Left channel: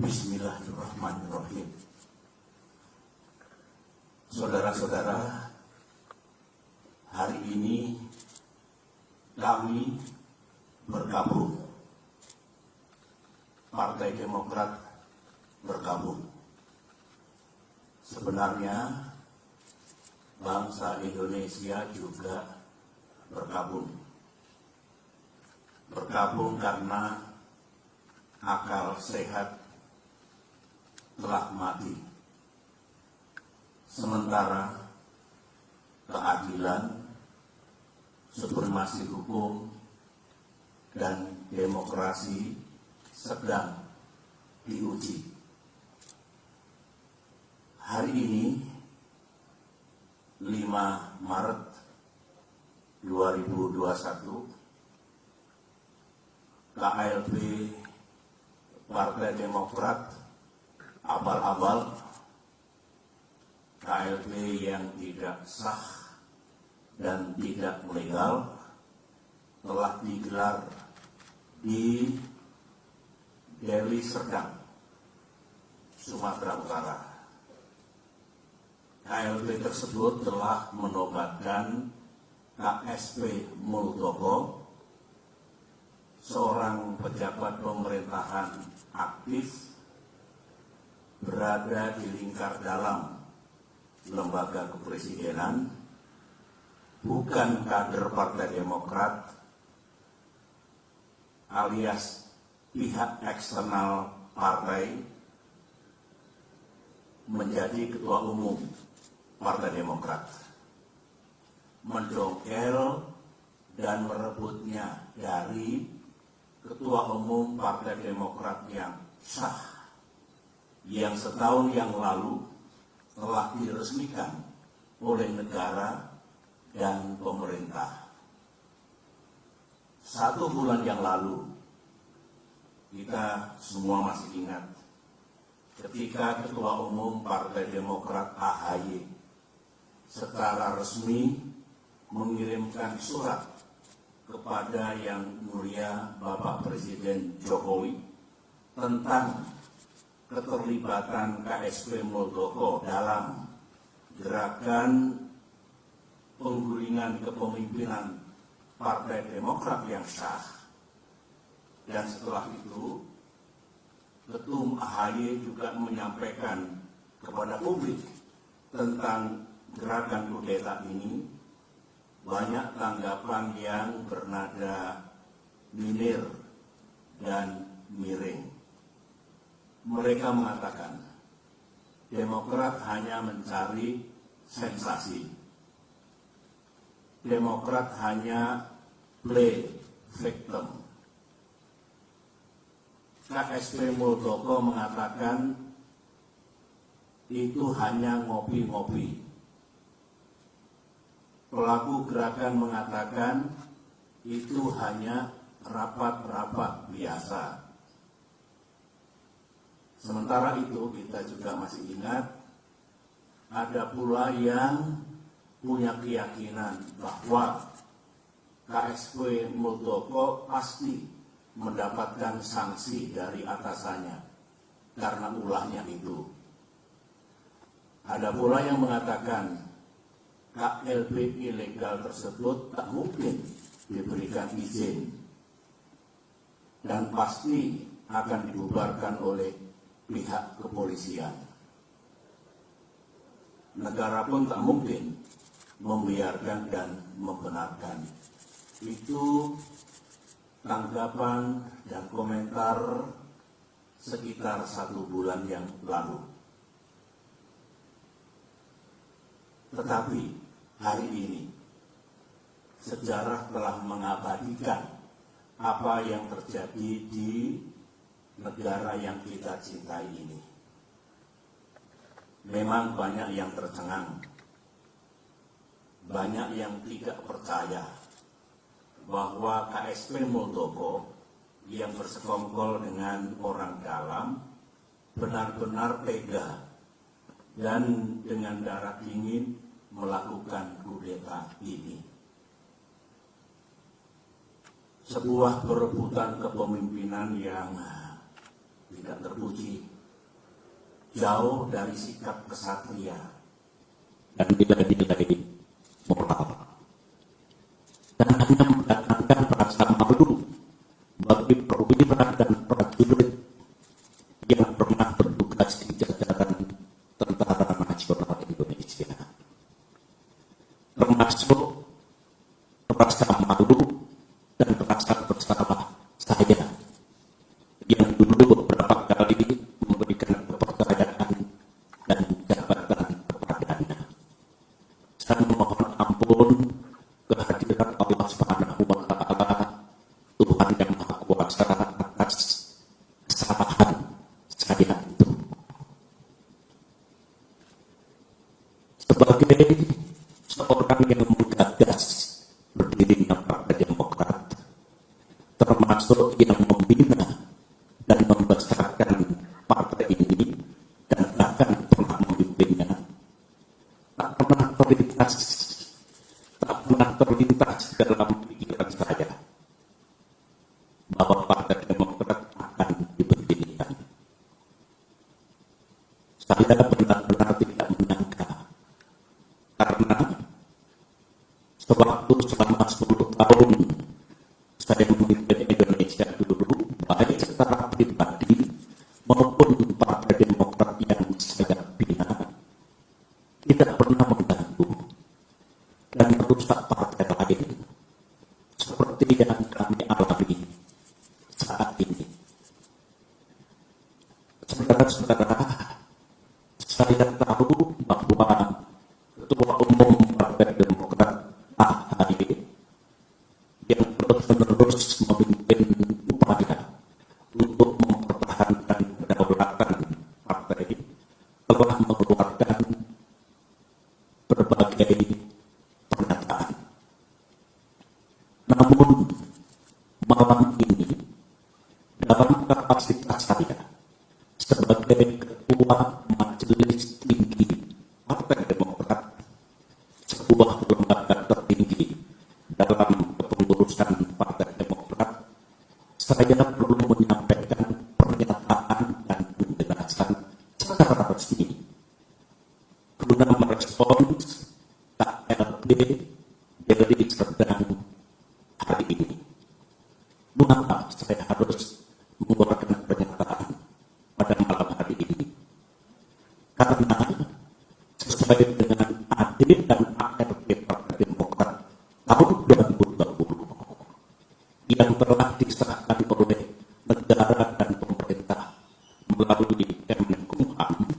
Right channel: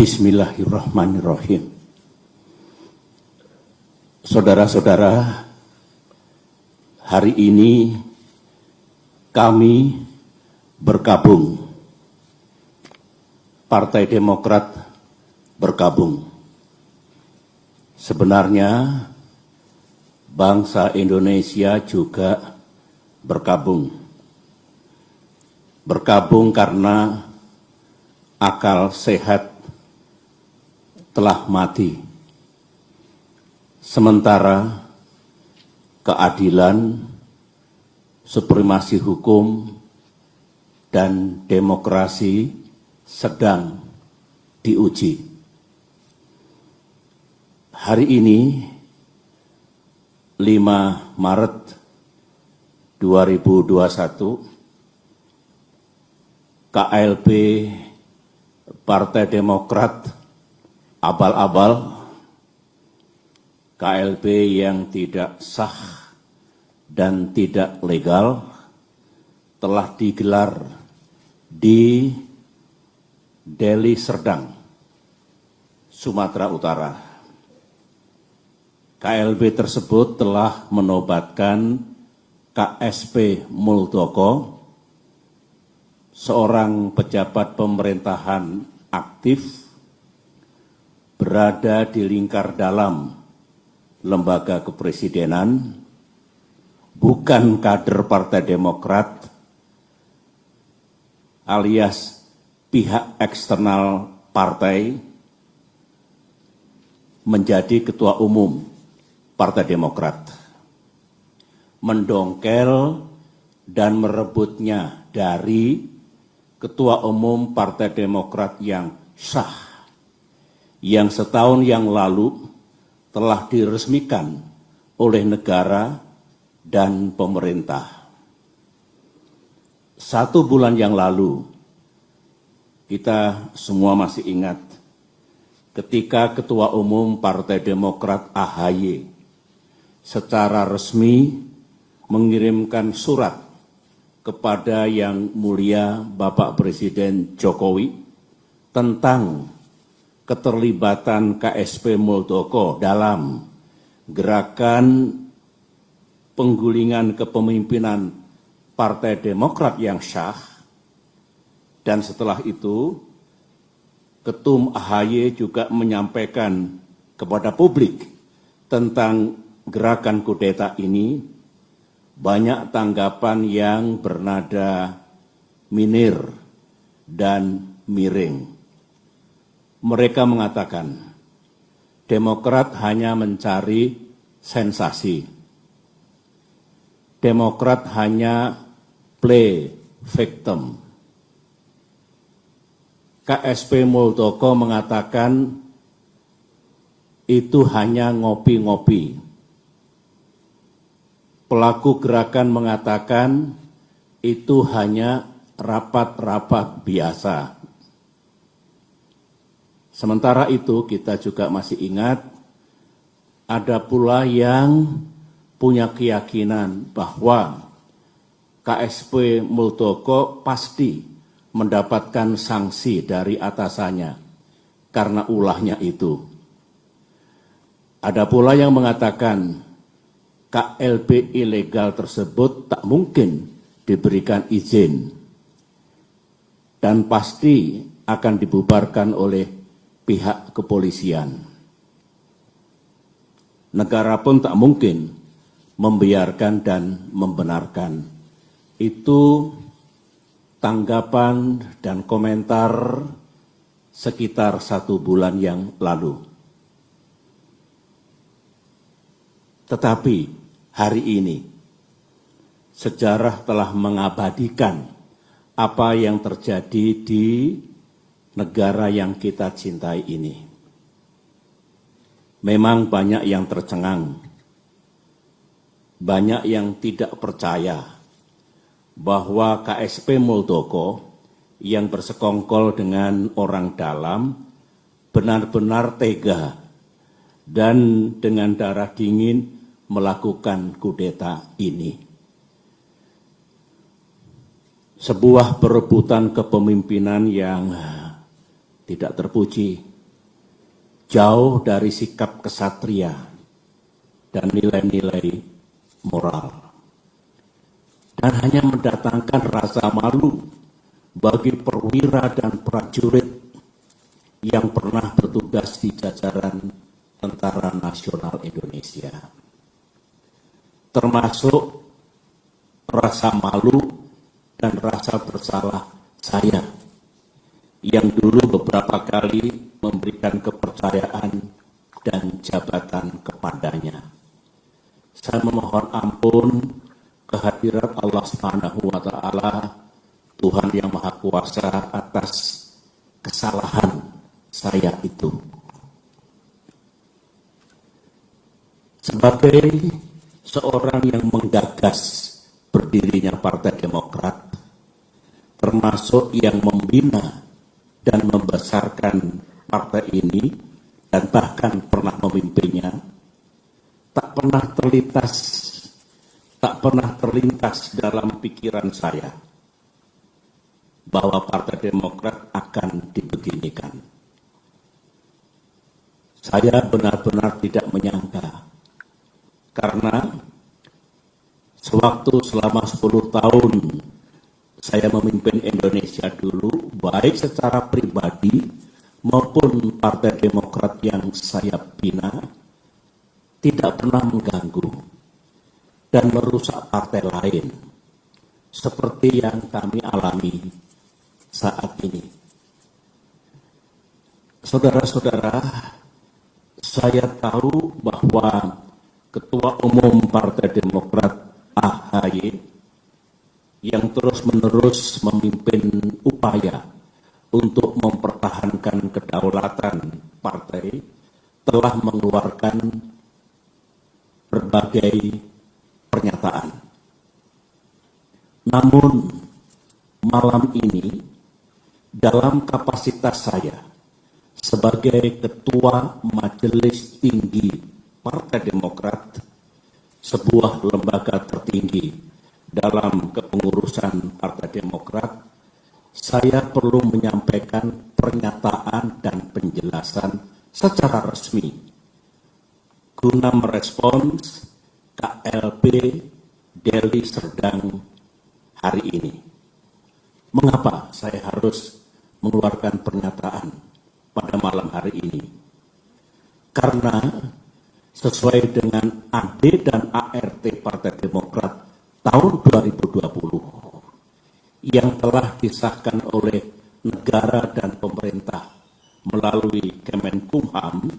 Bismillahirrahmanirrahim. Saudara-saudara, hari ini kami bergabung, Partai Demokrat bergabung. Sebenarnya bangsa Indonesia juga bergabung. Bergabung karena akal sehat telah mati. Sementara keadilan, supremasi hukum, dan demokrasi sedang diuji. Hari ini, 5 Maret 2021, KLB Partai Demokrat abal-abal, KLB yang tidak sah dan tidak legal telah digelar di Deli Serdang, Sumatera Utara. KLB tersebut telah menobatkan KSP Muldoko, seorang pejabat pemerintahan aktif berada di lingkar dalam lembaga kepresidenan, bukan kader Partai Demokrat, alias pihak eksternal partai, menjadi ketua umum Partai Demokrat. Mendongkel dan merebutnya dari ketua umum Partai Demokrat yang sah, yang setahun yang lalu telah diresmikan oleh negara dan pemerintah. 1 bulan yang lalu, kita semua masih ingat ketika Ketua Umum Partai Demokrat AHY secara resmi mengirimkan surat kepada Yang Mulia Bapak Presiden Jokowi tentang keterlibatan KSP Muldoko dalam gerakan penggulingan kepemimpinan Partai Demokrat yang sah. Dan setelah itu, Ketum AHY juga menyampaikan kepada publik tentang gerakan kudeta ini. Banyak tanggapan yang bernada minir dan miring. Mereka mengatakan, Demokrat hanya mencari sensasi. Demokrat hanya play victim. KSP Muldoko mengatakan itu hanya ngopi-ngopi. Pelaku gerakan mengatakan itu hanya rapat-rapat biasa. Sementara itu kita juga masih ingat ada pula yang punya keyakinan bahwa KSP Muldoko pasti mendapatkan sanksi dari atasannya karena ulahnya itu. Ada pula yang mengatakan KLB ilegal tersebut tak mungkin diberikan izin dan pasti akan dibubarkan oleh pihak kepolisian. Negara pun tak mungkin membiarkan dan membenarkan. Itu tanggapan dan komentar sekitar 1 bulan yang lalu. Tetapi hari ini sejarah telah mengabadikan apa yang terjadi di negara yang kita cintai ini. Memang banyak yang tercengang, banyak yang tidak percaya bahwa KSP Muldoko yang bersekongkol dengan orang dalam benar-benar tega dan dengan darah dingin melakukan kudeta ini. Sebuah perebutan kepemimpinan yang tidak terpuji, jauh dari sikap kesatria dan nilai-nilai moral, dan hanya mendatangkan rasa malu bagi perwira dan prajurit yang pernah bertugas di jajaran Tentara Nasional Indonesia. Termasuk rasa malu dan rasa bersalah saya yang dulu beberapa kali memberikan kepercayaan dan jabatan kepadanya. Saya memohon ampun kehadirat Allah Subhanahu wa Ta'ala, Tuhan yang Maha Kuasa, atas kesalahan saya itu. Sebagai seorang yang menggagas berdirinya Partai Demokrat, termasuk yang membina dan membesarkan partai ini dan bahkan pernah memimpinnya, tak pernah terlintas dalam pikiran saya bahwa Partai Demokrat akan dibeginikan. Saya benar-benar tidak menyangka, karena sewaktu selama 10 tahun saya memimpin Indonesia dulu, baik secara pribadi maupun Partai Demokrat yang saya bina, tidak pernah mengganggu dan merusak partai lain seperti yang kami alami saat ini. Saudara-saudara, saya tahu bahwa Ketua Umum Partai Demokrat AHY yang terus-menerus memimpin upaya untuk mempertahankan kedaulatan partai telah mengeluarkan berbagai pernyataan. Namun malam ini dalam kapasitas saya sebagai Ketua Majelis Tinggi Partai Demokrat, sebuah lembaga tertinggi dalam kepengurusan Partai Demokrat, saya perlu menyampaikan pernyataan dan penjelasan secara resmi guna merespons KLB Deli Serdang hari ini. Mengapa saya harus mengeluarkan pernyataan pada malam hari ini? Karena sesuai dengan AD dan ART Partai Demokrat tahun 2020 yang telah disahkan oleh negara dan pemerintah melalui Kemenkumham,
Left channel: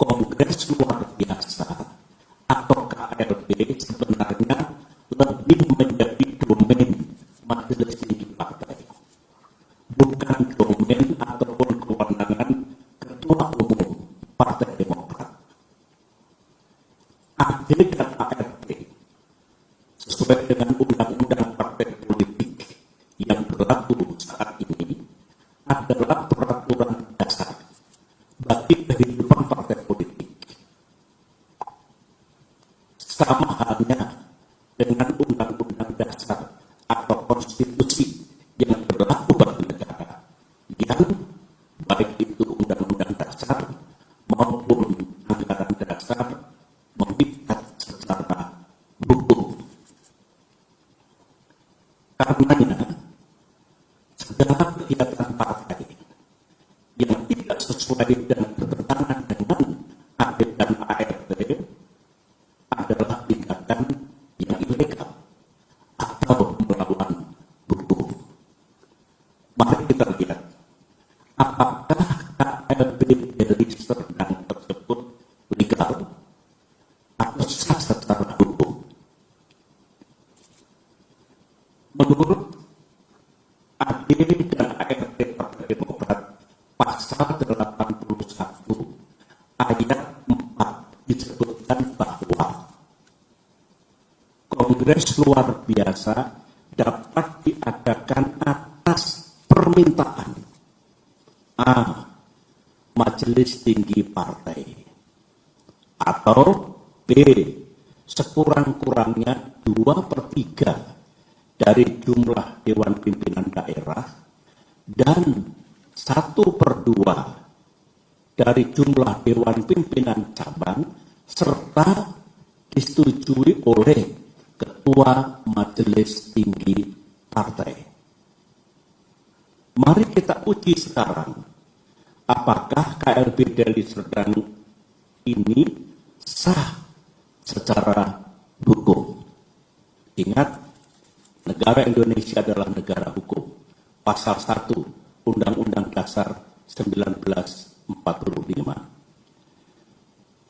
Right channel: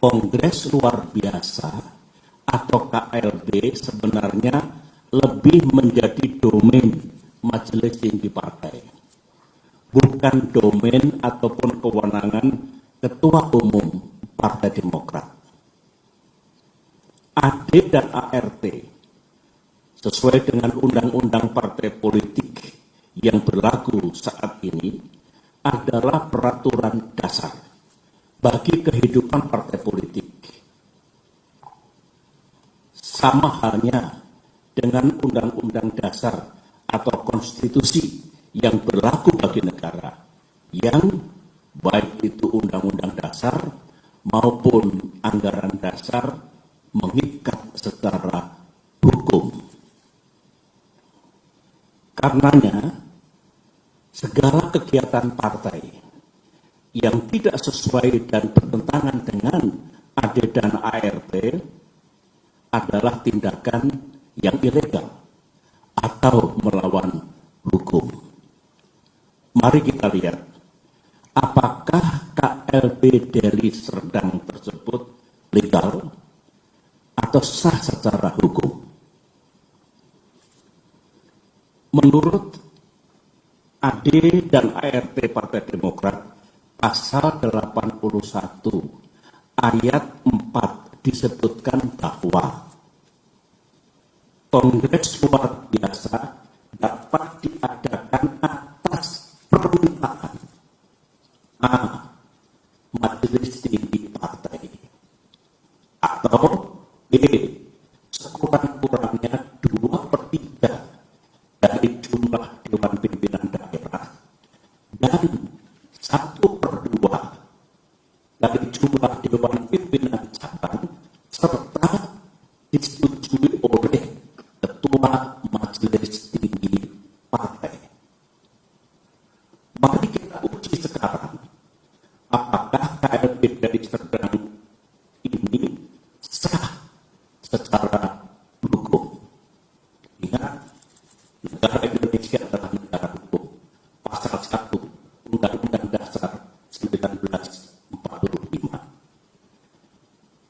Kongres Luar Biasa atau KLB sebenarnya lebih menjadi domain Majelis Tinggi Partai, bukan domain ataupun kewenangan Ketua Umum Partai Demokrat. AD dan ART sesuai dengan undang-undang partai politik yang berlaku saat ini adalah peraturan dasar bagi kehidupan partai politik. Sama halnya dengan undang-undang dasar atau konstitusi yang berlaku bagi negara, yang baik itu undang-undang dasar maupun anggaran dasar mengikat secara hukum. Karenanya, segala kegiatan partai yang tidak sesuai dan bertentangan dengan AD dan ART adalah tindakan yang ilegal atau melawan hukum. Mari kita lihat, apakah KLB Deli Serdang tersebut legal atau sah secara hukum. Menurut AD dan ART Partai Demokrat, pasal 81 ayat 4 disebutkan bahwa Kongres Luar Biasa dapat diadakan atas permintaan A. Majelis Tinggi Partai, atau B. Sekurang-kurangnya 2/3 dari jumlah Dewan Pimpinan Daerah dan 1/2 dari jumlah Dewan Pimpinan Cabang serta disetujui oleh Ketua Majelis Tinggi Partai. Mari kita uji sekarang, apakah KLB Deli Serdang ini sah secara hukum. Ingat, negara Indonesia adalah negara hukum. Pasal 1 Undang-Undang Dasar 1945.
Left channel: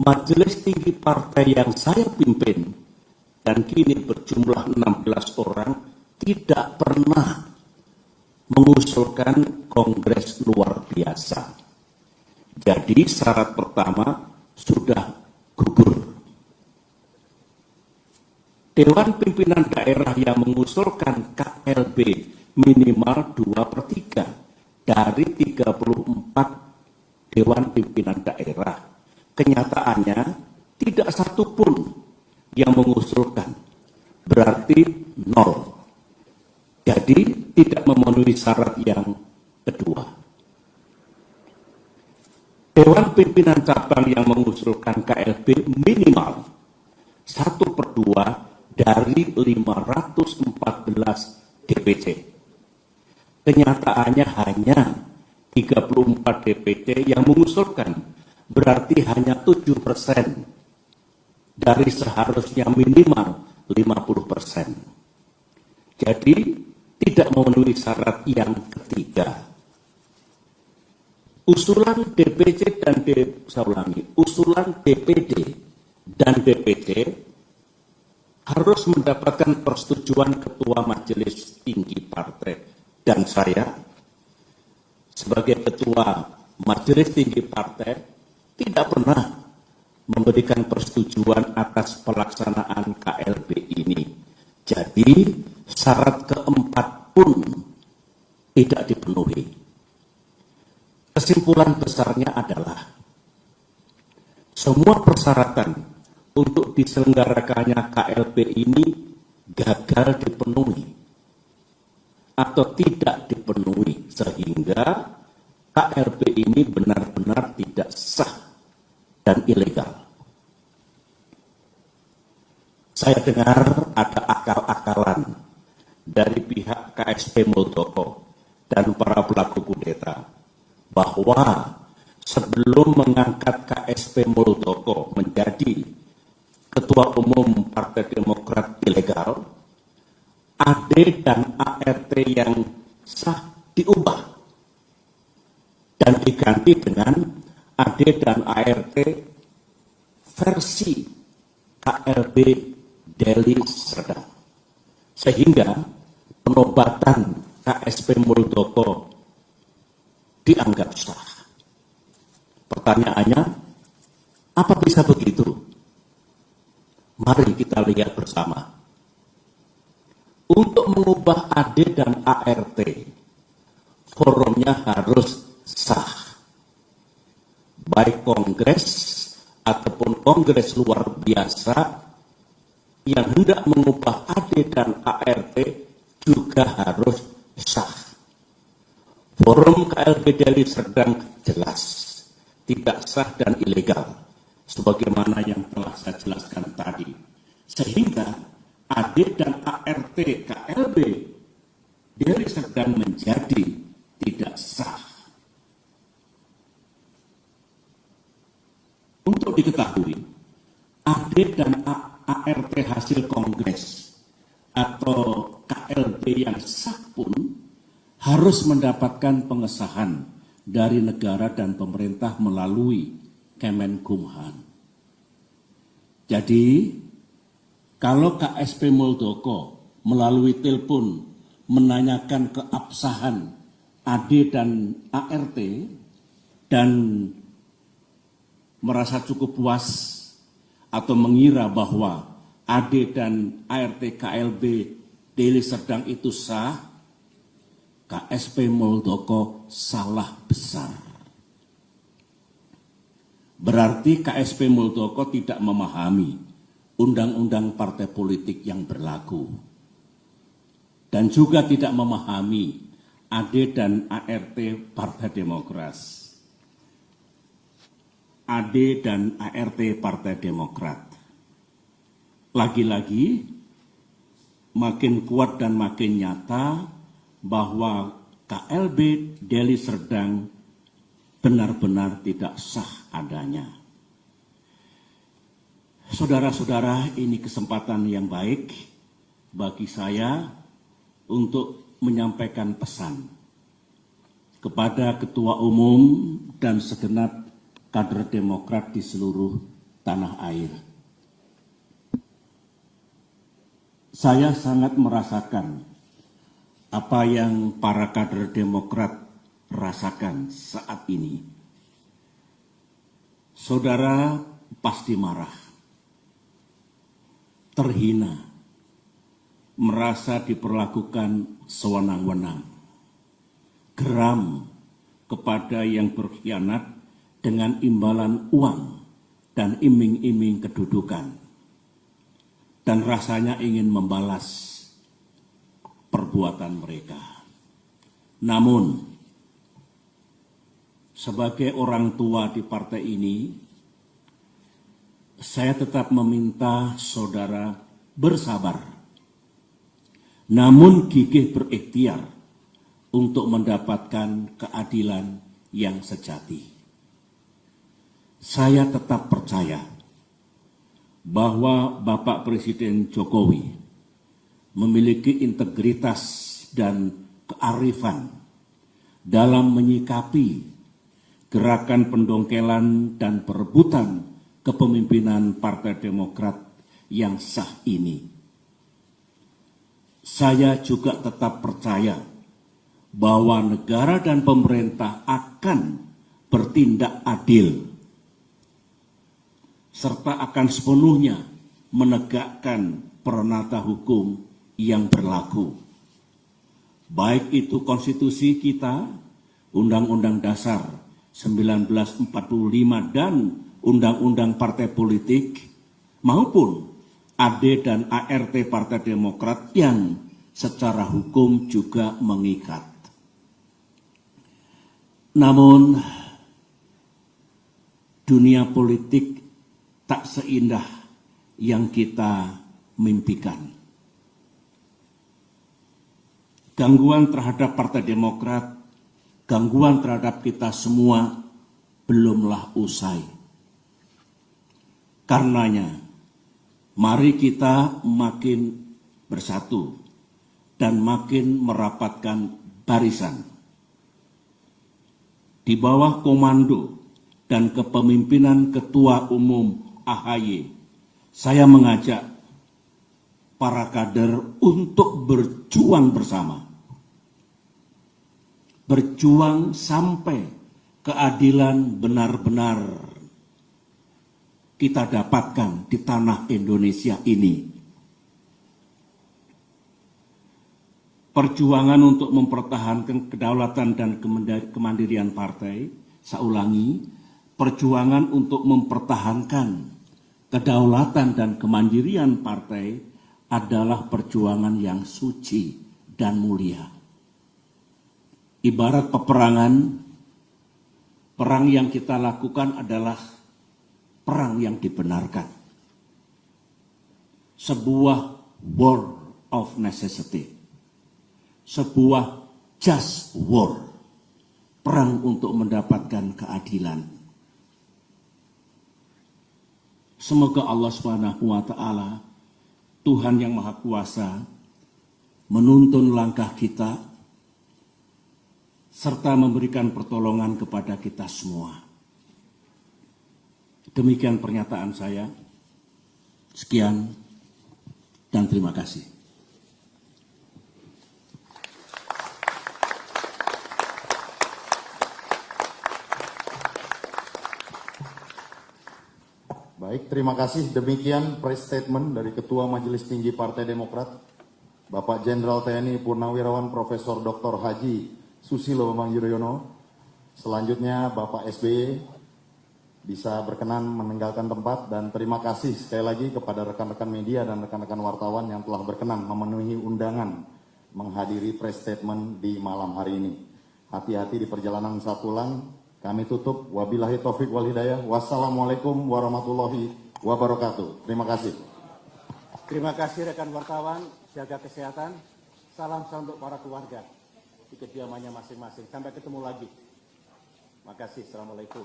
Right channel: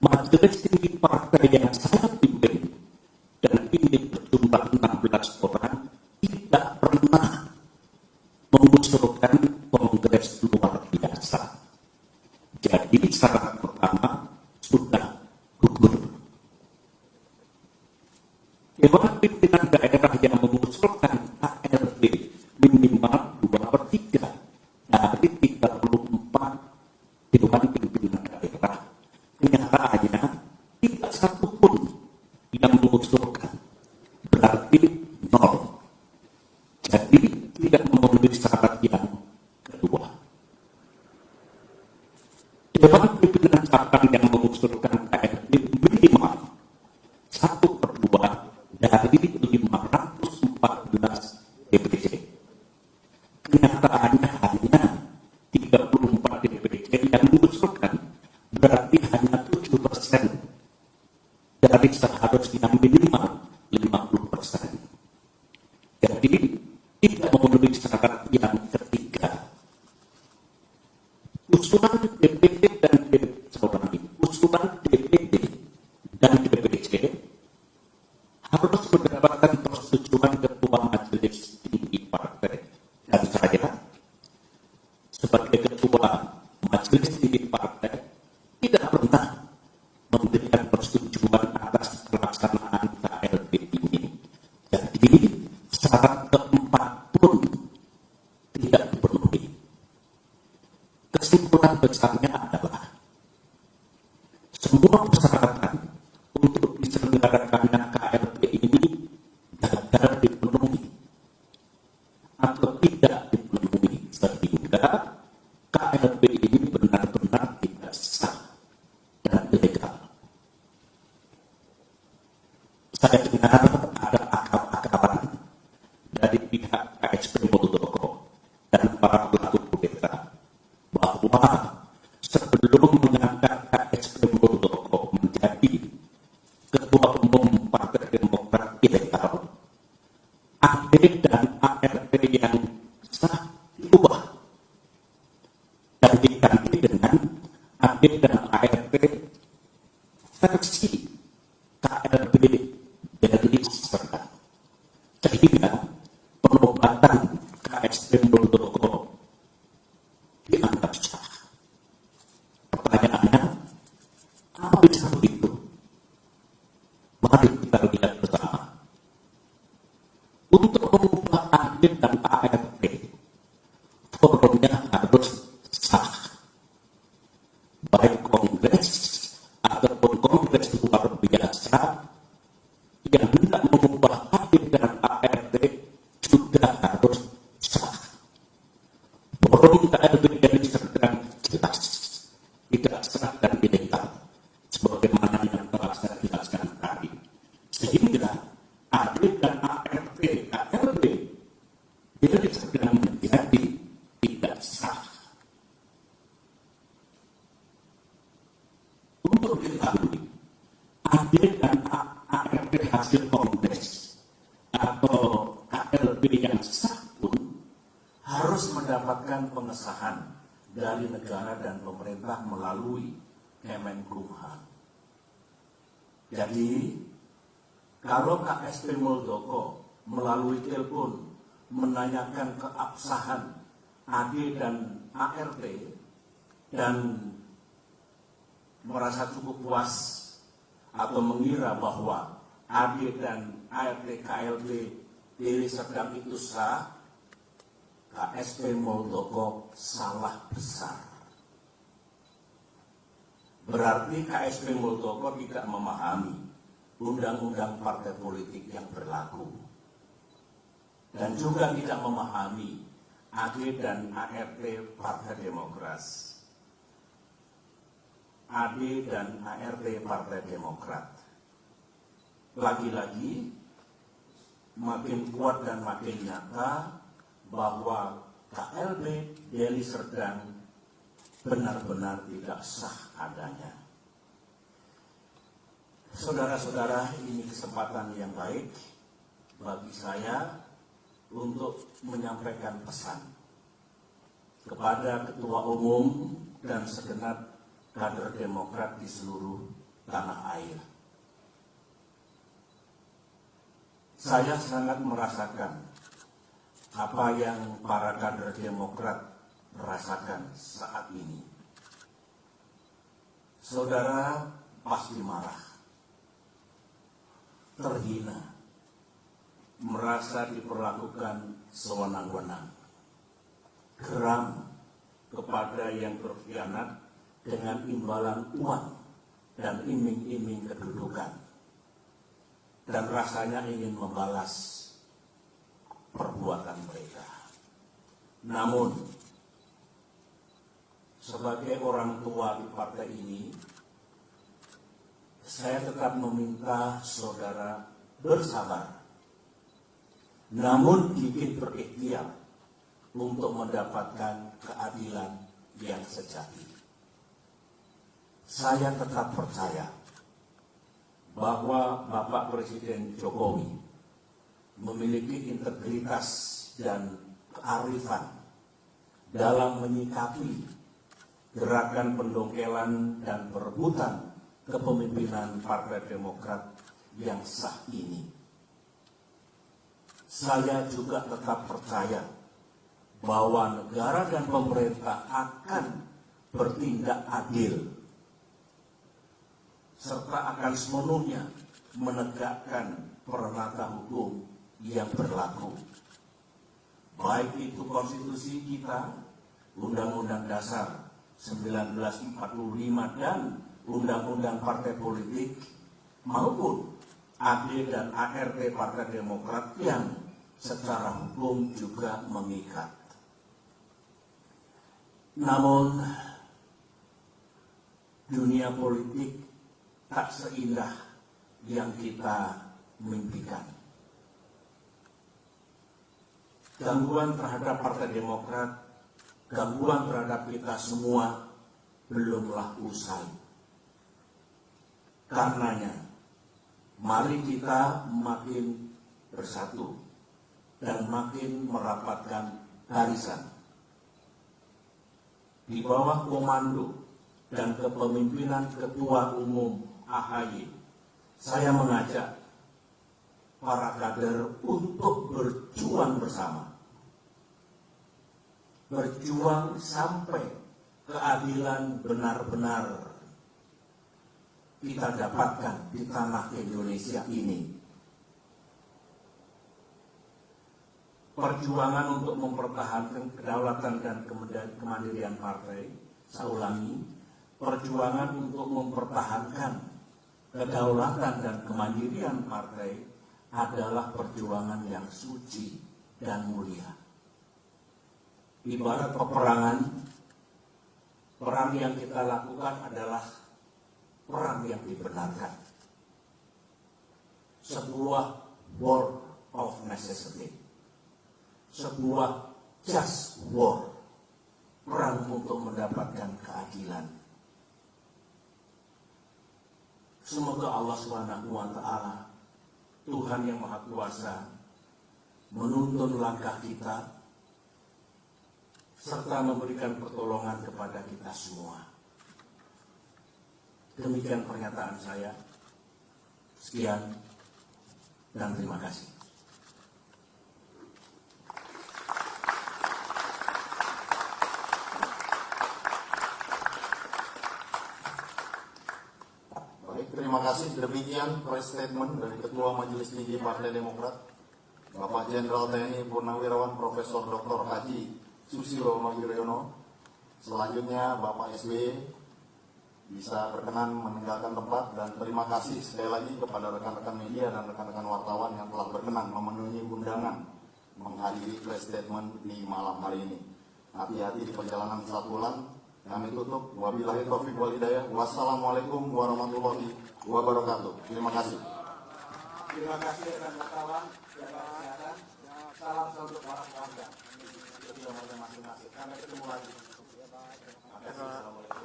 Majelis Tinggi Partai yang saya pimpin dan kini berjumlah 16 orang tidak pernah mengusulkan kongres luar biasa. Jadi syarat pertama sudah gugur. Dewan Pimpinan Daerah yang mengusulkan KLB minimal 2/3 dari 34 Dewan Pimpinan Daerah. Kenyataannya tidak satu pun yang mengusulkan, berarti 0. Jadi tidak memenuhi syarat yang kedua. Dewan Pimpinan Cabang yang mengusulkan KLB minimal 1/2 dari 514 DPC. Kenyataannya hanya 34 DPC yang mengusulkan, berarti hanya 7% dari seharusnya minimal 50%. Jadi tidak memenuhi syarat yang ketiga. Usulan DPD dan DPC harus mendapatkan persetujuan Ketua Majelis Tinggi Partai. Dan saya sebagai Ketua Majelis Tinggi Partai tidak pernah memberikan persetujuan atas pelaksanaan KLB ini. Jadi syarat keempat pun tidak dipenuhi. Kesimpulan besarnya adalah semua persyaratan untuk diselenggarakannya KLB ini gagal dipenuhi atau tidak dipenuhi, sehingga KLB ini benar-benar tidak sah dan ilegal. Saya dengar ada akal-akalan dari pihak KSP Muldoko dan para pelaku kudeta bahwa sebelum mengangkat KSP Muldoko menjadi Ketua Umum Partai Demokrat ilegal, AD dan ART yang sah diubah dan diganti dengan AD dan ART versi KLB Deli Serdang. Sehingga penobatan KSP Muldoko dianggap sah. Pertanyaannya, apa bisa begitu? Mari kita lihat bersama. Untuk mengubah AD dan ART, forumnya harus sah. Baik kongres ataupun kongres luar biasa yang hendak mengubah AD dan ART juga harus sah. Forum KLB Deli Serdang jelas tidak sah dan ilegal, sebagaimana yang telah saya jelaskan tadi. Sehingga AD dan ART KLB Deli Serdang menjadi tidak sah. Untuk diketahui, AD dan ART hasil kongres atau KLB yang sah pun harus mendapatkan pengesahan dari negara dan pemerintah melalui Kemenkumham. Jadi, kalau KSP Muldoko melalui telepon menanyakan keabsahan AD dan ART dan merasa cukup puas atau mengira bahwa AD dan ART KLB Deli Serdang itu sah, KSP Muldoko salah besar. Berarti KSP Muldoko tidak memahami undang-undang partai politik yang berlaku. Dan juga tidak memahami AD dan ART Partai Demokrat. AD dan ART Partai Demokrat. Lagi-lagi makin kuat dan makin nyata bahwa KLB Deli Serdang benar-benar tidak sah adanya. Saudara-saudara, ini kesempatan yang baik bagi saya untuk menyampaikan pesan kepada Ketua Umum dan segenap kader Demokrat di seluruh tanah air. Saya sangat merasakan apa yang para kader Demokrat rasakan saat ini. Saudara pasti marah, terhina, merasa diperlakukan sewenang-wenang, geram kepada yang berkhianat dengan imbalan uang dan iming-iming kedudukan, dan rasanya ingin membalas perbuatan mereka. Namun, sebagai orang tua di partai ini, saya tetap meminta saudara bersabar, namun gigih berikhtiar untuk mendapatkan keadilan yang sejati. Saya tetap percaya bahwa Bapak Presiden Jokowi memiliki integritas dan kearifan dalam menyikapi gerakan pendongkelan dan perebutan kepemimpinan Partai Demokrat yang sah ini. Saya juga tetap percaya bahwa negara dan pemerintah akan bertindak adil serta akan sepenuhnya menegakkan peranata hukum yang berlaku. Baik itu konstitusi kita, Undang-Undang Dasar 1945 dan Undang-Undang Partai Politik, maupun AD dan ART Partai Demokrat yang secara hukum juga mengikat. Namun, dunia politik tak seindah yang kita mimpikan. Gangguan terhadap Partai Demokrat, gangguan terhadap kita semua belumlah usai. Karenanya, mari kita makin bersatu dan makin merapatkan barisan. Di bawah komando dan kepemimpinan Ketua Umum AHY, saya mengajak para kader untuk berjuang bersama. Berjuang sampai keadilan benar-benar kita dapatkan di tanah Indonesia ini. Perjuangan untuk mempertahankan kedaulatan dan kemandirian partai, saya ulangi, perjuangan untuk mempertahankan kedaulatan dan kemandirian partai adalah perjuangan yang suci dan mulia. Ibarat peperangan, perang yang kita lakukan adalah perang yang dibenarkan. Sebuah war of necessity. Sebuah just war. Perang untuk mendapatkan keadilan. Semoga Allah SWT, Tuhan yang Maha Kuasa, menuntun langkah kita serta memberikan pertolongan kepada kita semua. Demikian pernyataan saya. Sekian dan terima kasih. Baik, terima kasih. Demikian press statement dari Ketua Majelis Tinggi Partai Demokrat, Bapak Jenderal TNI Purnawirawan Profesor Dr. Haji Susilo Bambang Yudhoyono. Selanjutnya Bapak SBY bisa berkenan meninggalkan tempat, dan terima kasih sekali lagi kepada rekan-rekan media dan rekan-rekan wartawan yang telah berkenan memenuhi undangan menghadiri press statement di malam hari ini. Hati-hati di perjalanan saat pulang. Kami tutup. Wabillahi taufik wal hidayah. Wassalamualaikum warahmatullahi wabarakatuh. Terima kasih. Terima kasih rekan wartawan, jaga kesehatan. Salam untuk para keluarga di kediamannya masing-masing. Sampai ketemu lagi. Terima kasih. Assalamualaikum.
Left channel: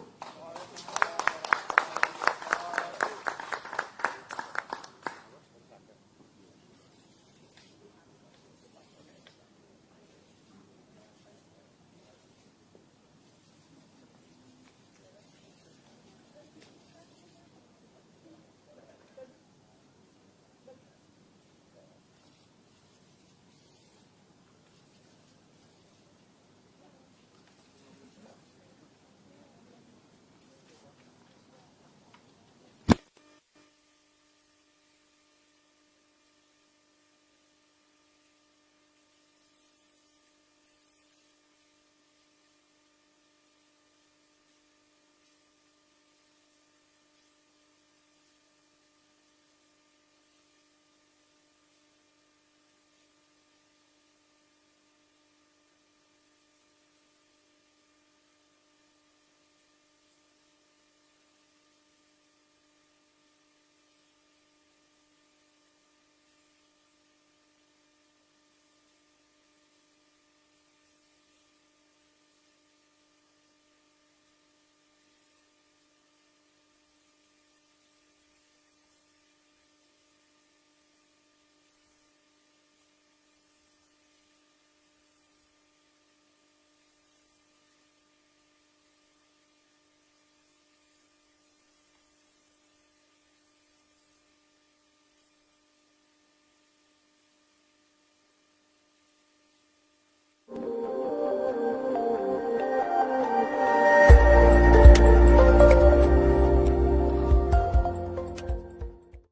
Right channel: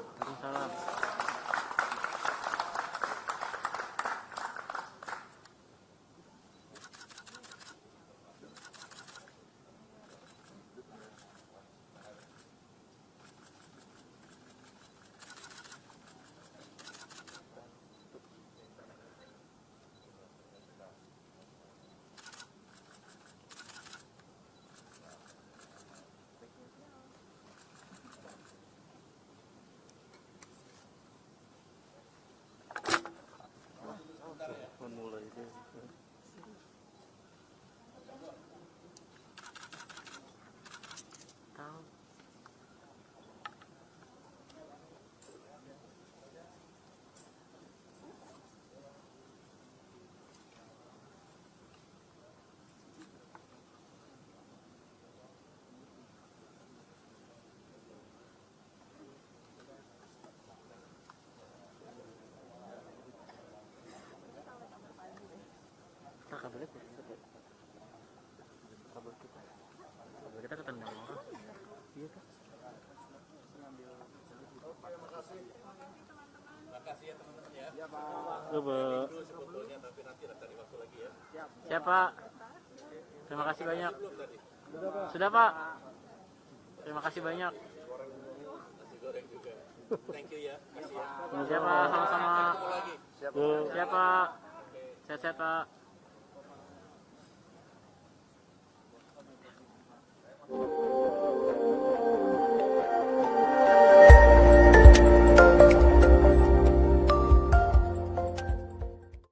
Kita ketendang orang. Iya kan? Makasih ya teman-teman ya. Iya Pak. Siapa? Terima kasih banyak. Sudah Pak. Terima kasih banyak. Thank you ya. Siapa? Sama-sama. Siapa? Sehat-sehat Pak.